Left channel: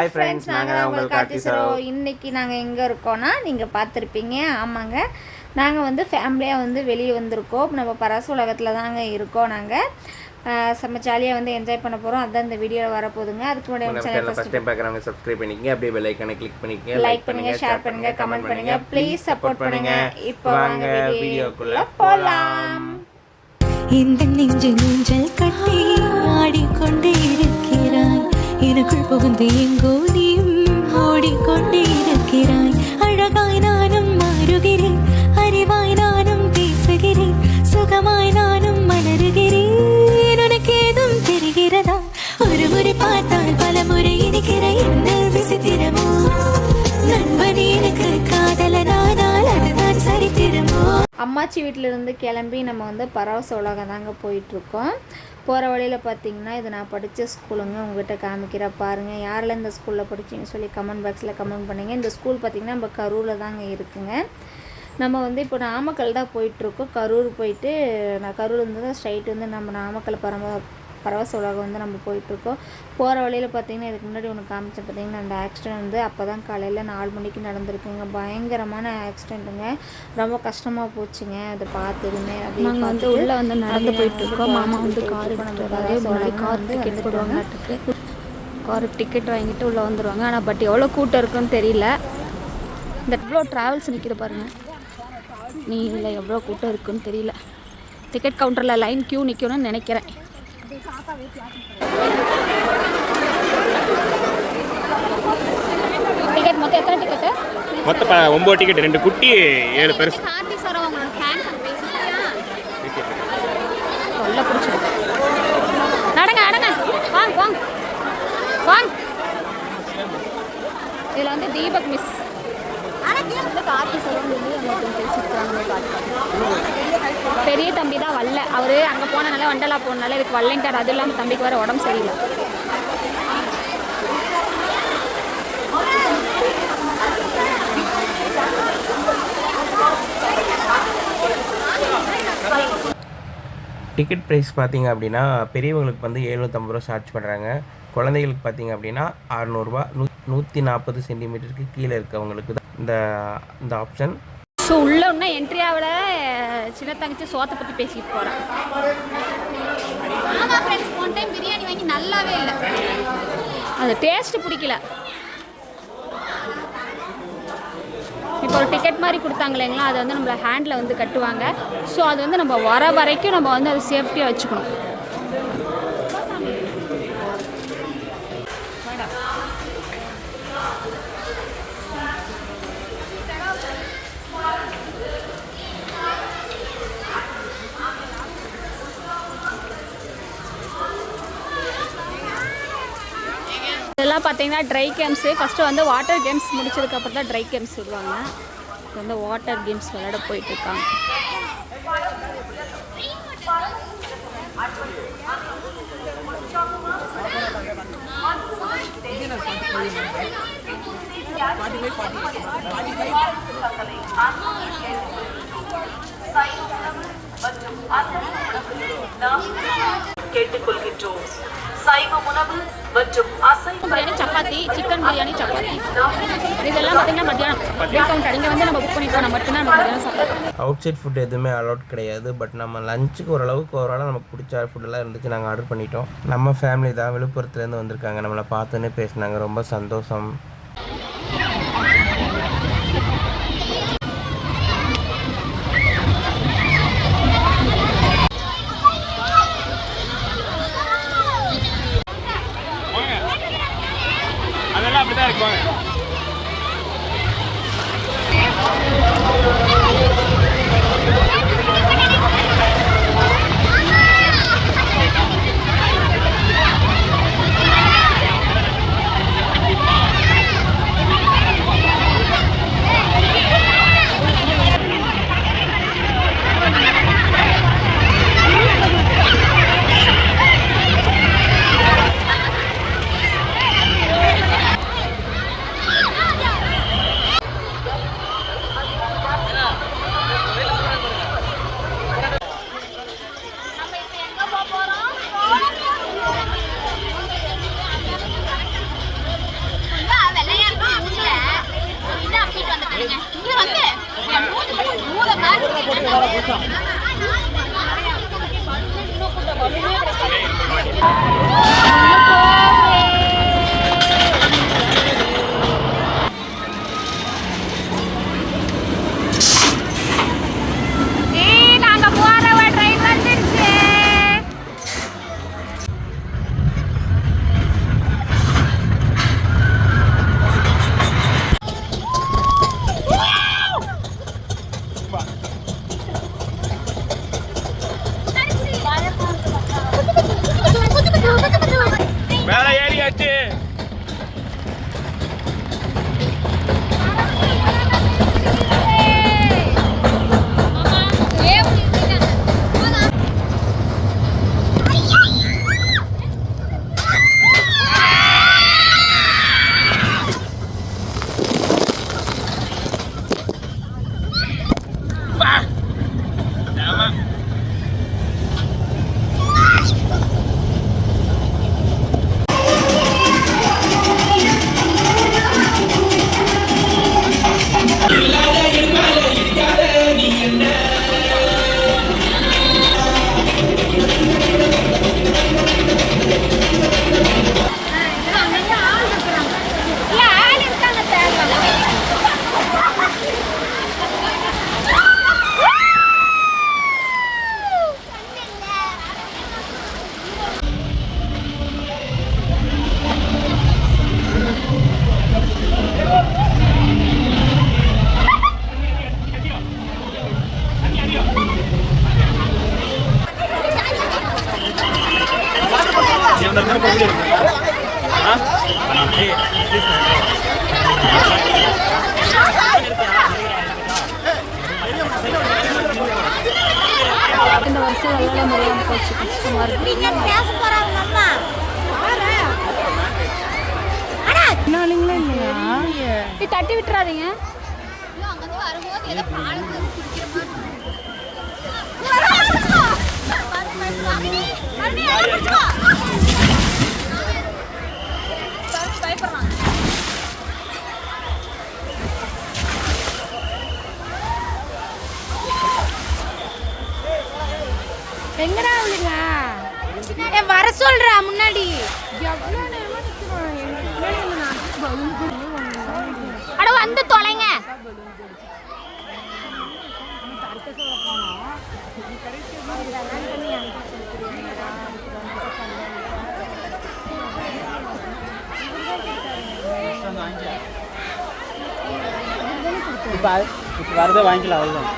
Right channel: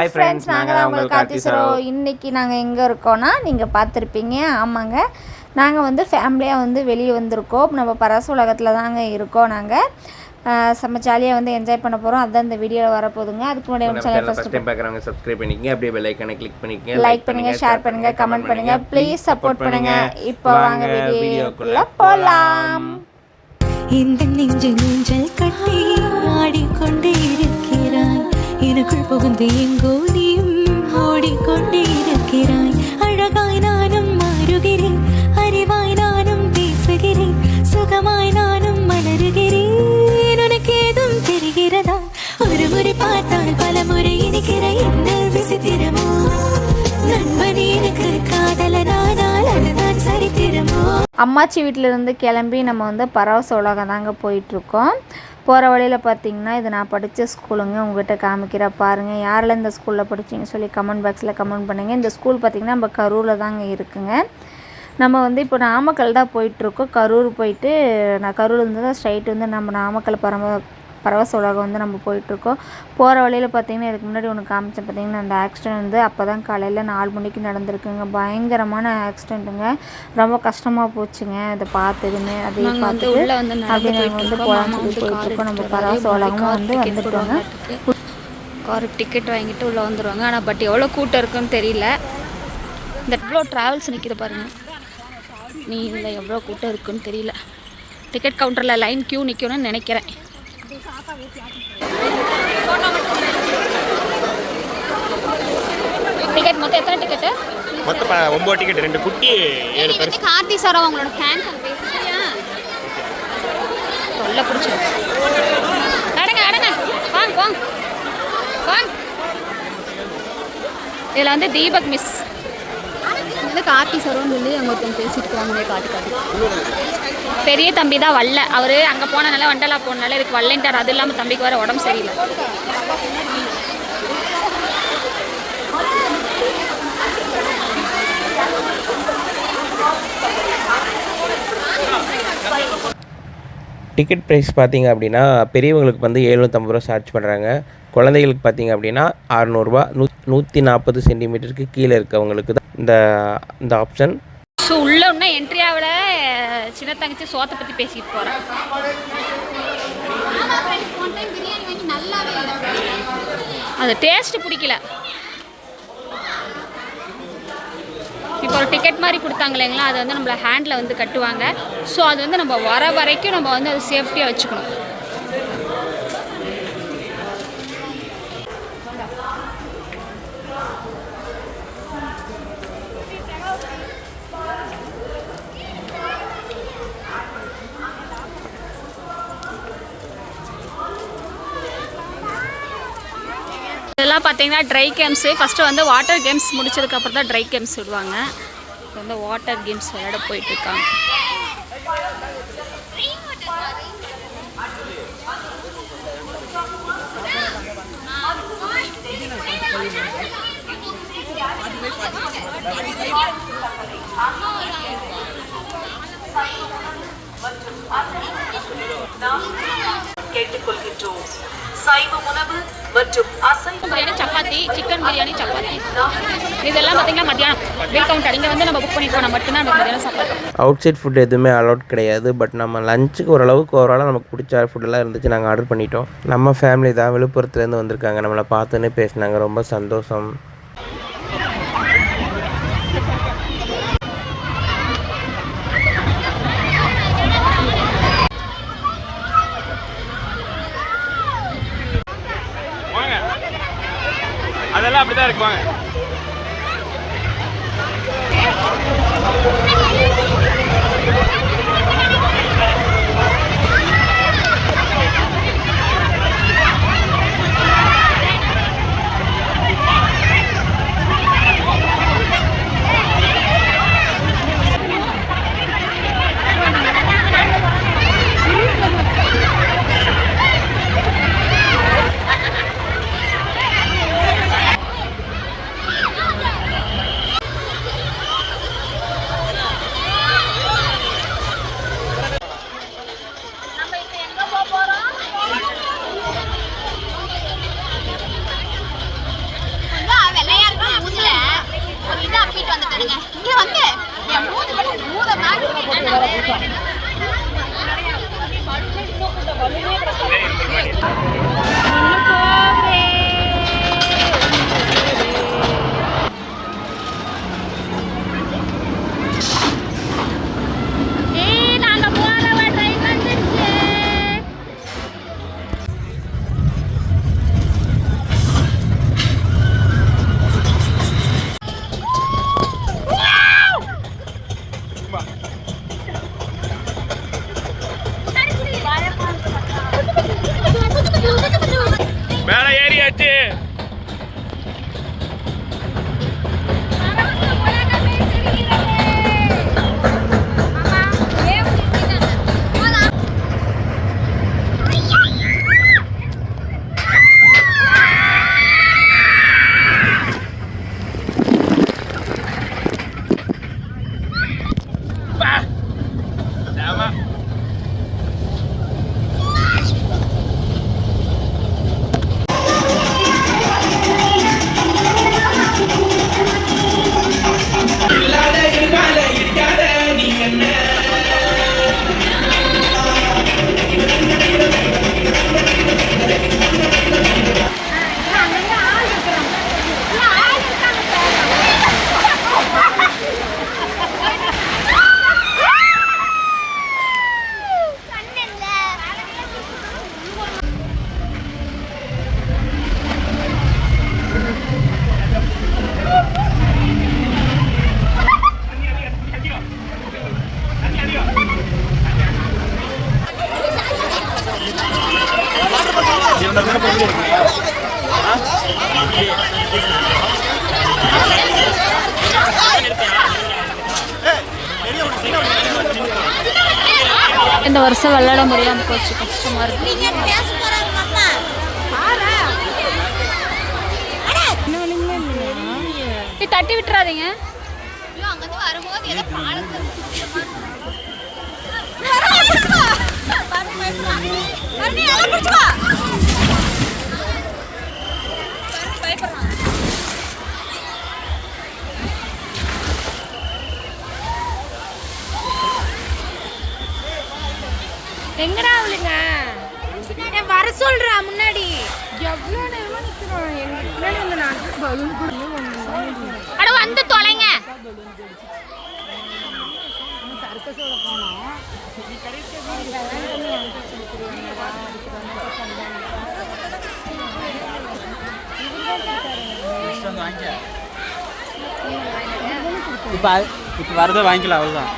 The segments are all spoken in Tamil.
ஹாய் ஃப்ரெண்ட்ஸ், நாங்கள் தான் உங்களுக்கு கார்த்தி சரோ. இன்றைக்கி நாங்கள் எங்கே இருக்கோன்னா நீங்கள் பார்த்துருப்பீங்க. ஆமாங்க, நாங்கள் வந்து ஃபேமிலியாக வந்து வெளியே வந்திருக்கோம். நம்ம பரச உலகத்தில் தாங்க இருக்கோம். நாங்கள் செம்ம ஜாலியாக வந்து என்ஜாய் பண்ண போகிறோம். அதுதான் இந்த வீடியோவில் வரப்போகுதுங்க. அதுக்கு முன்னாடி சேனல் ஃபஸ்ட் டைம் பார்க்குறவங்க சப்ஸ்கிரைப் பண்ணிக்கங்க, அப்படியே பெல் ஐகானை கிளிக் பண்ணிக்கங்க, லைக் பண்ணுங்கள், ஷேர் பண்ணுங்கள், கமெண்ட் பண்ணுங்கள், ப்ளீஸ் சப்போர்ட் பண்ணுங்கள். இப்போ வாங்க வீடியோக்குள்ளே போகலாம். இந்த நெஞ்சு நெஞ்சல் கட்டி ஆடிக்கொண்டே இருக்கிறாய், எனக்குள் புகுந்து எங்கோ நீயும் ஓடிக்கொண்டே இருக்கிறாய். அழகாய் நானும் மாறுகிறேன், அறிவாய் நானும் பேசுகிறேன், சுகமாய் நானும் மலருகிறேன். உனக்கு ஏதும் தெரிகிறதா? ஒரு முறை பார்த்தால் பல முறை இனிக்கிற என்ன விசித்திரமோ? நண்பனே எனக்கு காதலனானால் அதுதான் சரித்திரமோ? அம்மாச்சி வீட்டிலேருந்து கிளம்பி நம்ம வந்து பரவச உலகம் தாங்க போயிட்டுருக்கோம். போகிற வழியில் பார்த்திங்கன்னா இது நான் படித்த ஸ்கூலுங்க. உங்கள்கிட்ட காமிக்கிற பாருங்கள். யாரில் இந்த ஸ்கூலில் படிச்சிங்கன்னு சொல்லி கமெண்ட் பாக்ஸில் கமெண்ட் பண்ணுங்கள். இந்த ஸ்கூல் பார்த்திங்கன்னா நம்ம கரூரில் தாங்க இருக்குங்க. நம்ம வந்து இப்போ நாமக்கல் தான் போயிட்டுருக்கோம். கரூர் போயிட்டு நான் கரூர்லேருந்து தான் ஸ்ட்ரைட் வந்து நம்ம நாமக்கல் பரவச உலகம் வந்து நம்ம போயிட்டுருக்கோம். போகிற வழியில் பார்த்திங்கன்னா இதுக்கு முன்னாடி ஒன்று காமிச்சேன் பார்த்திங்கன்னா, அந்த ஆக்சிடென்ட் வந்து அப்போ தான் காலையில் 4 மணிக்கு நடந்திருக்குங்க. பயங்கரமான ஆக்சிடெண்ட்டுங்க. ரொம்ப கஷ்டமாக போச்சுங்க அதை பார்த்ததுமே. அது வந்து உள்ளே வந்து நடந்து போயிட்டுருக்கோம். நம்ம பரவச உலகம் வந்து வந்துடுவாங்க. காருக்கு டிக்கெட் வாங்கிட்டு உள்ளே வந்துடுவாங்க. ஆனால் பட் எவ்வளோ கூட்டம் இருக்குன்னு தெரியல. இந்த எவ்வளோ ட்ராவல்ஸ் நிற்கிது பாருங்கள். நீ இதில் எவ்வளோ கூட்டம் இருக்குன்னு தெரியல. டிக்கெட் கவுண்டரில் லைன் க்யூ நிற்கணும்னு நினைக்கிறேன். டிக்கெட் மொத்தம் எத்தனை டிக்கெட்டு? மொத்தம் 9 டிக்கெட், 2 குட்டி 7 பெருசு. கார்த்தி சார் அவங்களோட ஃபேன்ஸ் அங்க பேசுறாங்க. தொல்லை பிடிச்சிடும். நடங்க நடங்க, வாங்க வாங்க வாங்க. இதில் வந்து தீபக் மிஸ் வந்து கார்த்தி சார்னு சொல்லி அவங்க பேசிட்டு இருக்காங்க. காட்டு பெரிய தம்பி தான் வரல. அவர் அங்கே போனனால வண்டலா போனால இதுக்கு வரலன்ட்டார். அது இல்லாமல் தம்பிக்கு வர உடம்பு சரியில்லை. டிக்கெட் ப்ரைஸ் பார்த்தீங்க அப்படின்னா பெரியவங்களுக்கு வந்து 750 ரூபா சார்ஜ் பண்ணுறாங்க. குழந்தைகளுக்கு பார்த்தீங்க அப்படின்னா 600 ரூபா. 140 சென்டிமீட்டருக்கு கீழே இருக்கவங்களுக்கு தான் இந்த ஆப்ஷன். ஸோ உள்ள இன்னும் என்ட்ரியாவில் சின்ன தங்கச்சி சோத்தை பற்றி பேசிட்டு போகிறேன். பிரியாணி வாங்கி நல்லாவே இல்லை, அது டேஸ்ட்டு பிடிக்கல. இப்போ ஒரு டிக்கெட் மாதிரி கொடுத்தாங்க இல்லைங்களா, அதை வந்து நம்மளை ஹேண்டில் வந்து கட்டுவாங்க. ஸோ அது வந்து நம்ம வர வரைக்கும் நம்ம வந்து அதை சேஃப்டியாக வச்சுக்கணும். இதெல்லாம் பார்த்தீங்கன்னா ட்ரை கேம்ஸு. ஃபஸ்ட்டு வந்து வாட்டர் கேம்ஸ் முடிச்சதுக்கப்புறம் தான் ட்ரை கேம்ஸ் விடுவாங்க. இப்போ வந்து வாட்டர் கேம்ஸ் விளையாட போயிட்டுருக்காங்க. கேட்டுக்கொள்கின்றோம். சைவ உணவு மற்றும் அசைவ பிரியாணி, சப்பாத்தி, சிக்கன் பிரியாணி, சப்பாத்தி, இதெல்லாம் பார்த்தீங்கன்னா மத்தியானம் பில் கவுண்டர். இங்கே வந்து நம்ம புக் பண்ணி போனால் மட்டும்தான் நம்ம மத்தியானம் சாப்பாடு. அவுட் சைட் ஃபுட் எதுவுமே அலௌட் கிடையாது. பட் நம்ம லஞ்சுக்கு ஓரளவுக்கு நமக்கு பிடிச்ச ஃபுட்டெல்லாம் இருந்துச்சு. நாங்கள் ஆர்டர் பண்ணிட்டோம். நம்ம ஃபேமிலி தான் விழுப்புரத்துலேருந்து வந்திருக்காங்க. நம்மளை பார்த்துன்னு பேசினாங்க. ரொம்ப சந்தோஷம். அதெல்லாம் அப்படிதான் இருக்குவாங்க. மேலே ஏறியாச்சு. இந்த வருஷம் விளையாட முடியாமல் போச்சு, கஷ்டமாக இருக்கு. தட்டி விட்டுறாதீங்க. எங்கடா அவளுங்க வர சொல்றா முன்னாடி. அட வந்து தொலைங்க. இப்போ வரதை வாங்கிக்கலாம், அவ்வளோதான்.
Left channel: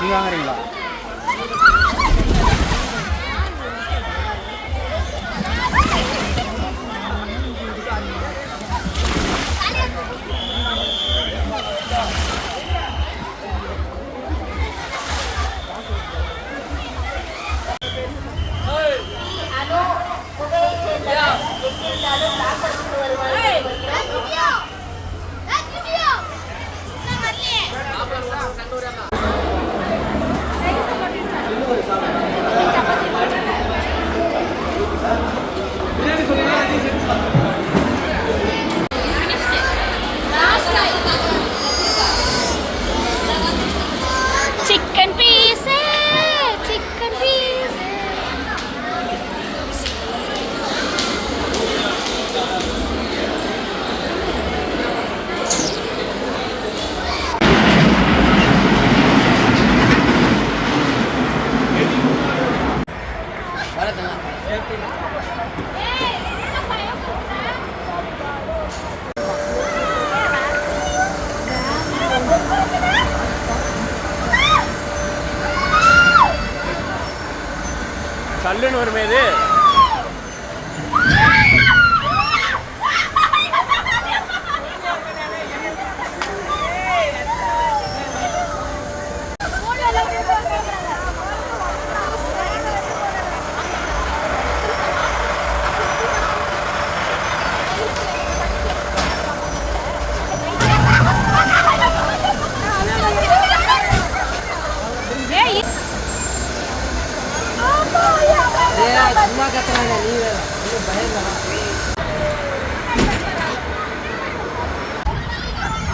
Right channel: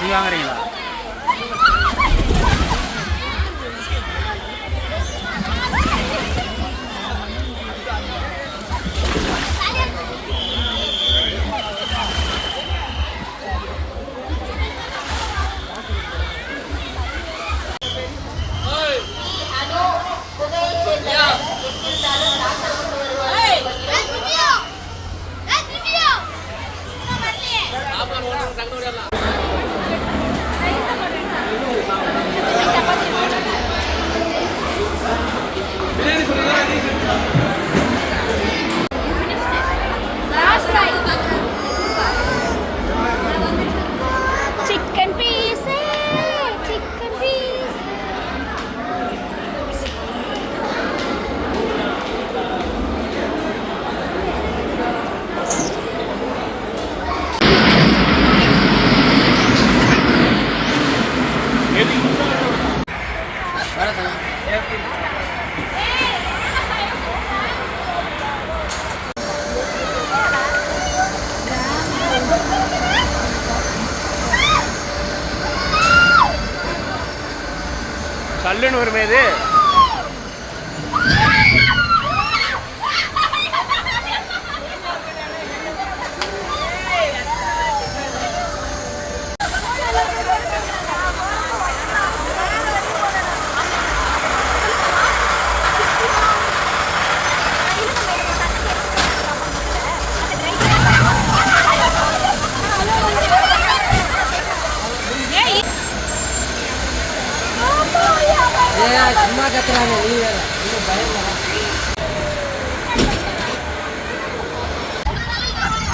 நீங்கள் வாங்குறீங்களா? Chicken piece, chicken piece. சல்லுன்னு வருமே இது.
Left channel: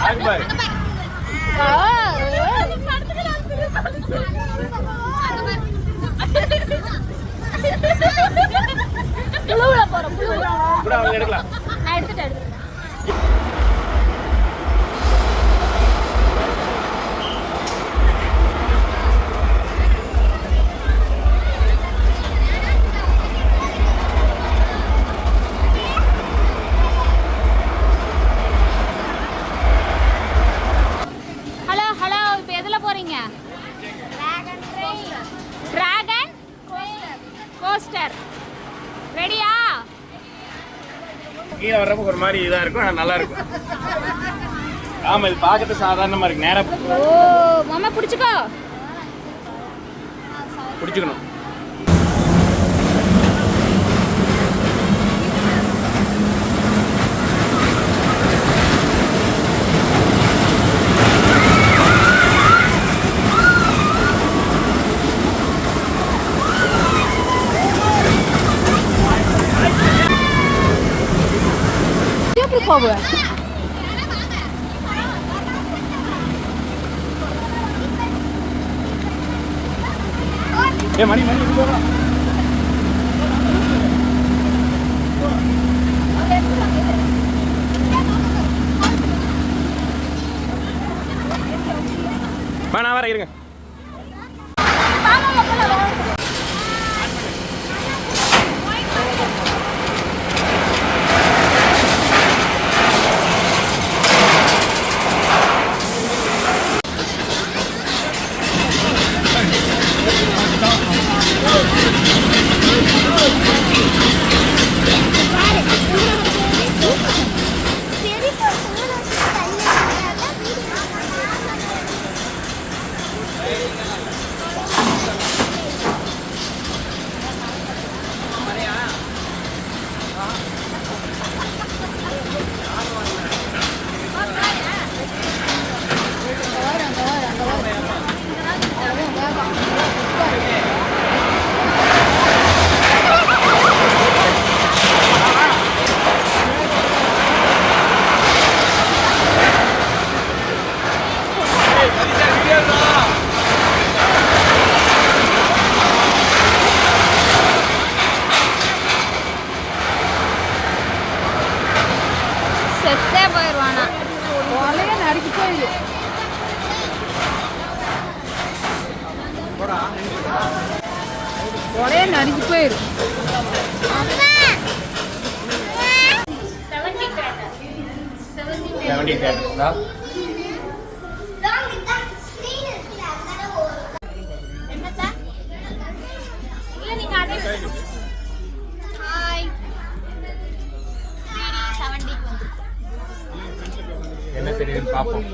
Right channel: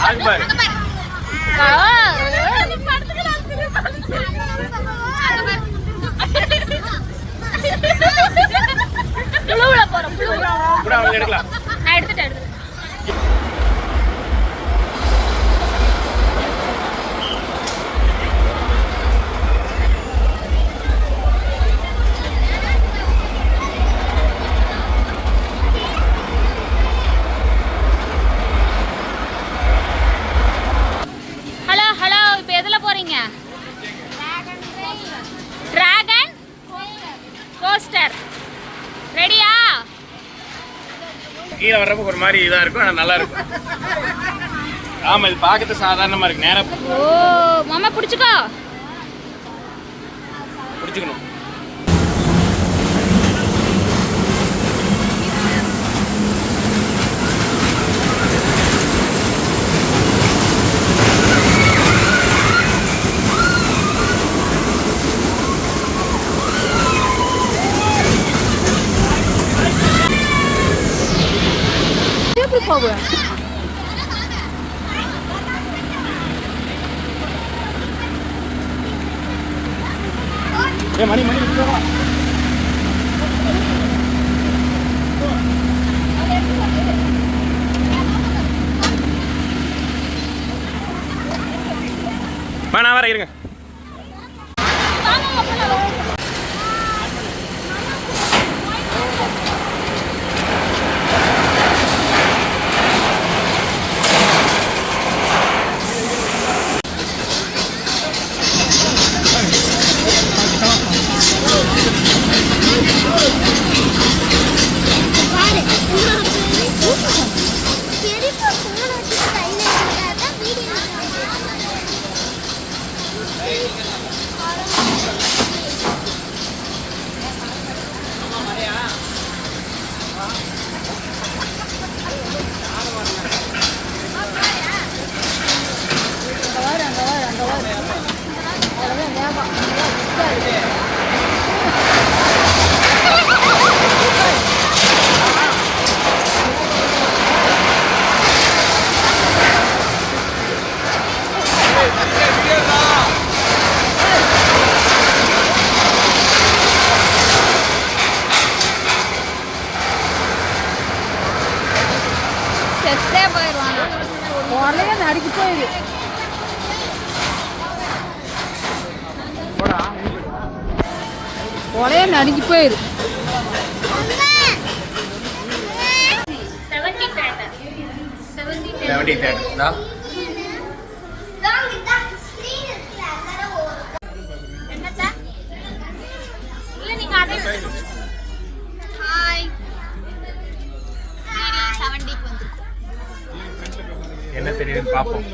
அக்பர் புழுவுல போறோம், புழுவுல கூட அவங்க எடுக்கலாம். நான் எடுத்துட்டேன். டிராகன் கோஸ்டர் ரெடியா? கீழே வர்றப்ப ஒரு மாதிரி இதாக இருக்கும், ஆனால் நல்லா இருக்கும். ஆமாம், இது பார்க்கறது சாதாரணமாக இருக்கு. நேராக ஓ மாமா பிடிச்சிக்கோ. பிடிச்சிக்கணும். எப்படி போகுவேன்? மணி நான் வர இருங்க. செத்தே போயிடுவானா? ஒரே நடுக்கி போயிரு. 70 தேட்டர் என்ன தெரியுதுன்னு பார்ப்போம்.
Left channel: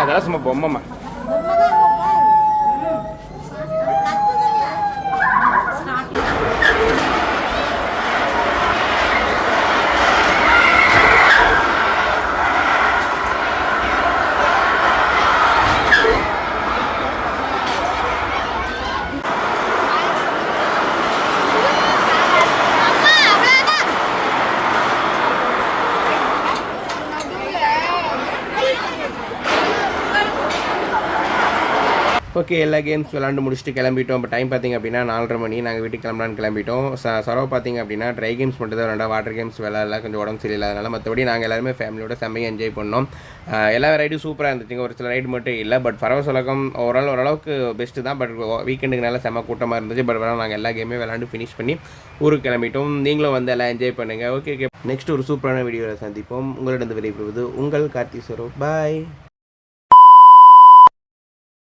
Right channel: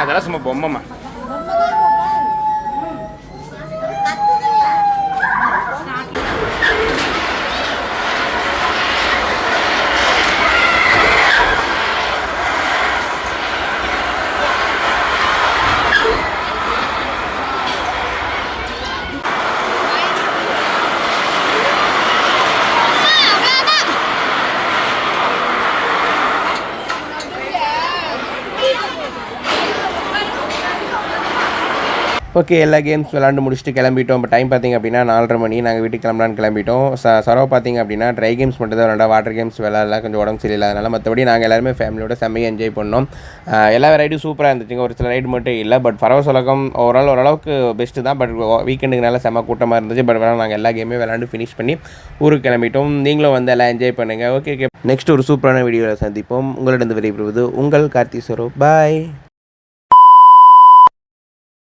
அதெல்லாம் சும்மா பொம்மைமா. ஓகே, எல்லா கேம்ஸ் விளாண்டு முடிச்சுட்டு கிளம்பிட்டோம். இப்போ டைம் பார்த்திங்க அப்படின்னா 4:30 மணி. நாங்கள் வீட்டுக்கு கிளம்பலான்னு கிளம்பிட்டோம். சரவ பார்த்திங்க அப்படின்னா ட்ரை கேம்ஸ் மட்டும் தான் விளாண்டா, வாட்டர் கேம்ஸ் விளாட்லாம் கொஞ்சம் உடம்பு சரியில்லை. அதனால் மற்றபடி நாங்கள் எல்லாருமே ஃபேமிலியோட செம்மையாக என்ஜாய் பண்ணோம். எல்லா ரைடும் சூப்பராக இருந்துச்சுங்க. ஒரு சில ரைடு மட்டும் இல்லை. பட் பரவச உலகம் ஓரளவுக்கு பெஸ்ட்டு தான். பட் வீக்கெண்டுக்குனால செம்ம கூட்டமாக இருந்துச்சு. பட் நாங்கள் எல்லா கேமே விளாண்டு ஃபினிஷ் பண்ணி ஊருக்கு கிளம்பிட்டோம். நீங்களும் வந்து எல்லாம் என்ஜாய் பண்ணுங்கள். ஓகே, நெக்ஸ்ட் ஒரு சூப்பரான வீடியோவில் சந்திப்போம். உங்களிடம் விடைபெறுவது உங்கள் கார்த்தி சரோ. பாய்.